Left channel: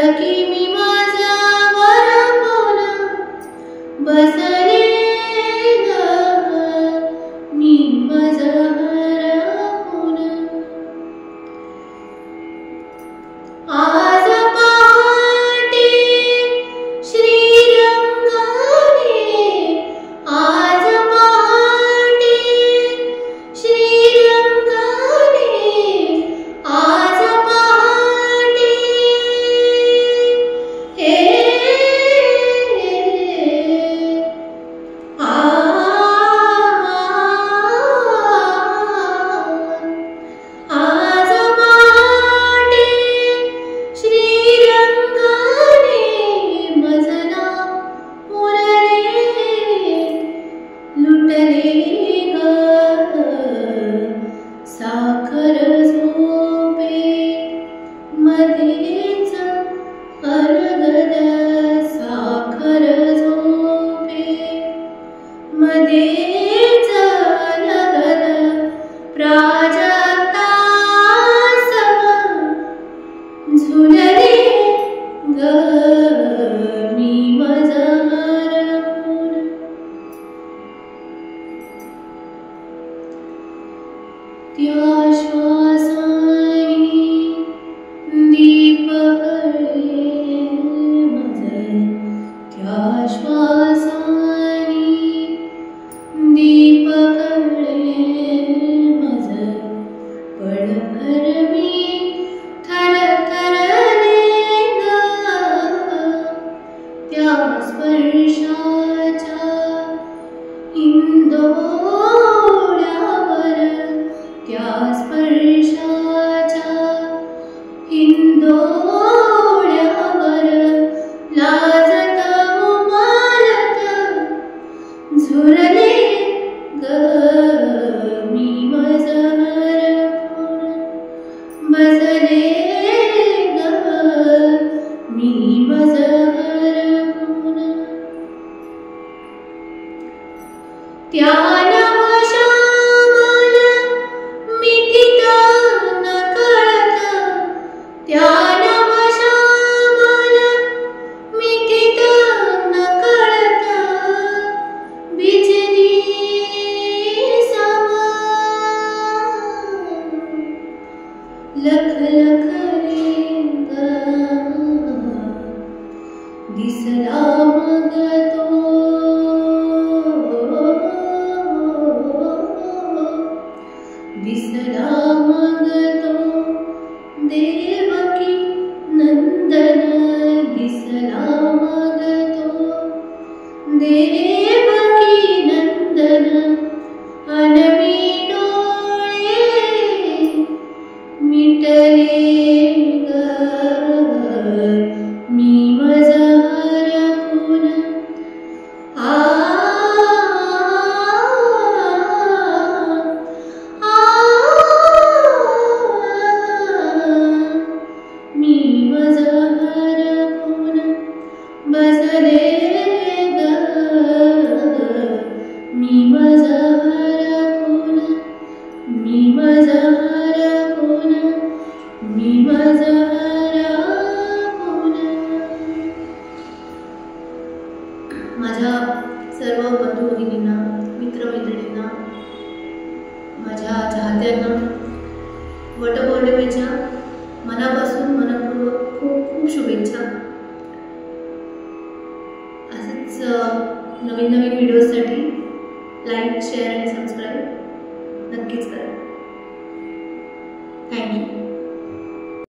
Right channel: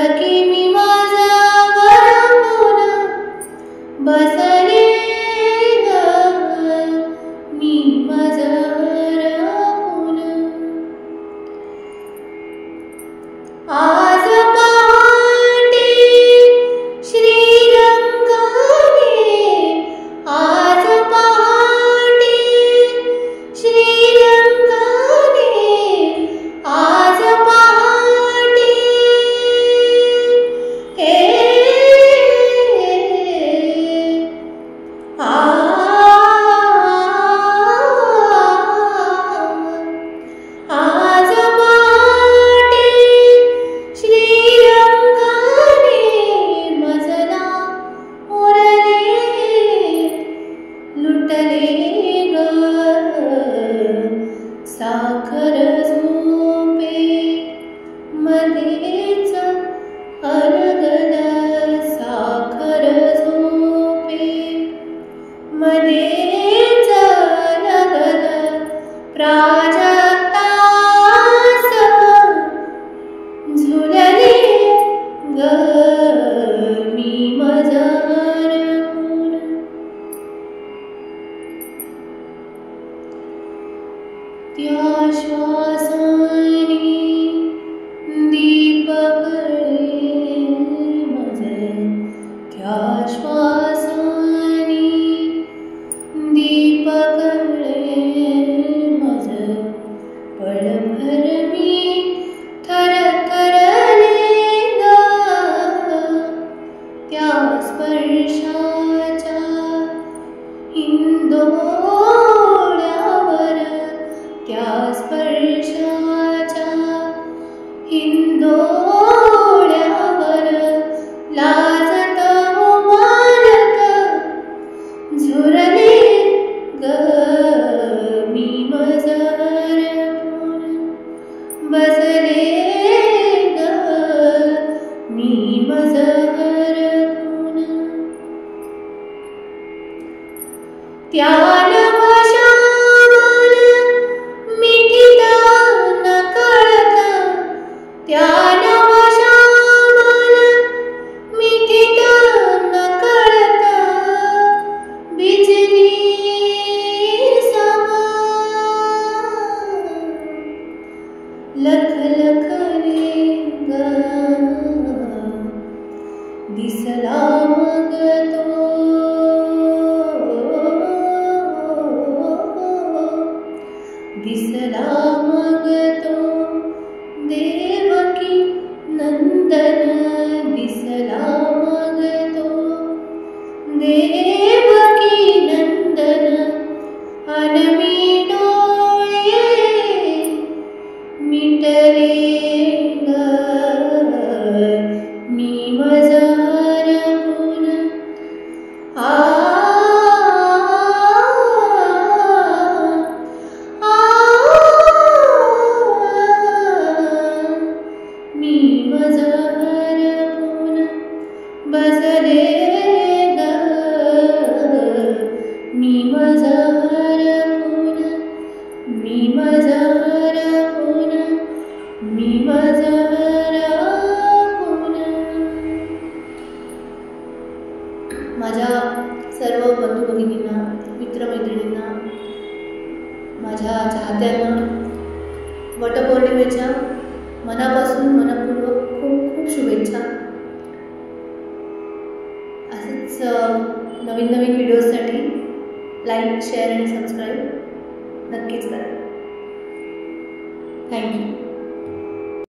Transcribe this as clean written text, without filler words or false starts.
सखी मी माझा वरपून बसले ग मी माझा वरपून आज पहाटे श्रीरंगाने आज पहाटे श्रीरंगाने आज पहाटे हे आज पहाटे श्रीरंगाने मजला मुरले लुटले ग साखर झोपे मध्येच अलगद साखर झोपे मध्येच अलगद प्राजक्तास झुलले ग मी माझा वरपून त्या श्वासाने दीप कळे मज त्या श्वासाने दीप कळे मज पळभर मी थरथरले ग त्या स्पर्शाच्या हिंदोळ्यावर त्या स्पर्शाच्या हिंदोळ्यावर लाजत उमालत झुरले ग मी माझा वरपून बसले ग मी माझा वरपून त्या नवश्यामल मिठीत नकळत त्या नवश्यामल मिठीत नकळत बिजली समा लखलखले ग दिसला मग तो दिसला मग तो देवकी नंदन दिसला मग तो देवकी नंदन अनमी डोळे मिटले ग मी माझा वरपून मी माझा वरपून बसले ग मी माझा वरपून मी माझा वरपून मी माझा वरपून माझ्या सर्व बंधू भगिनींना मित्रमैत्रिणींना माझ्या चाहत्यांना वटपौर्णिमेच्या मनापासून मनपूर्वक खूप खूप शुभेच्छा. असेच नवीन नवीन व्हिडिओजसाठी लाईक शेअर आणि सबस्क्राईब नक्कीच करा. थँक्यू.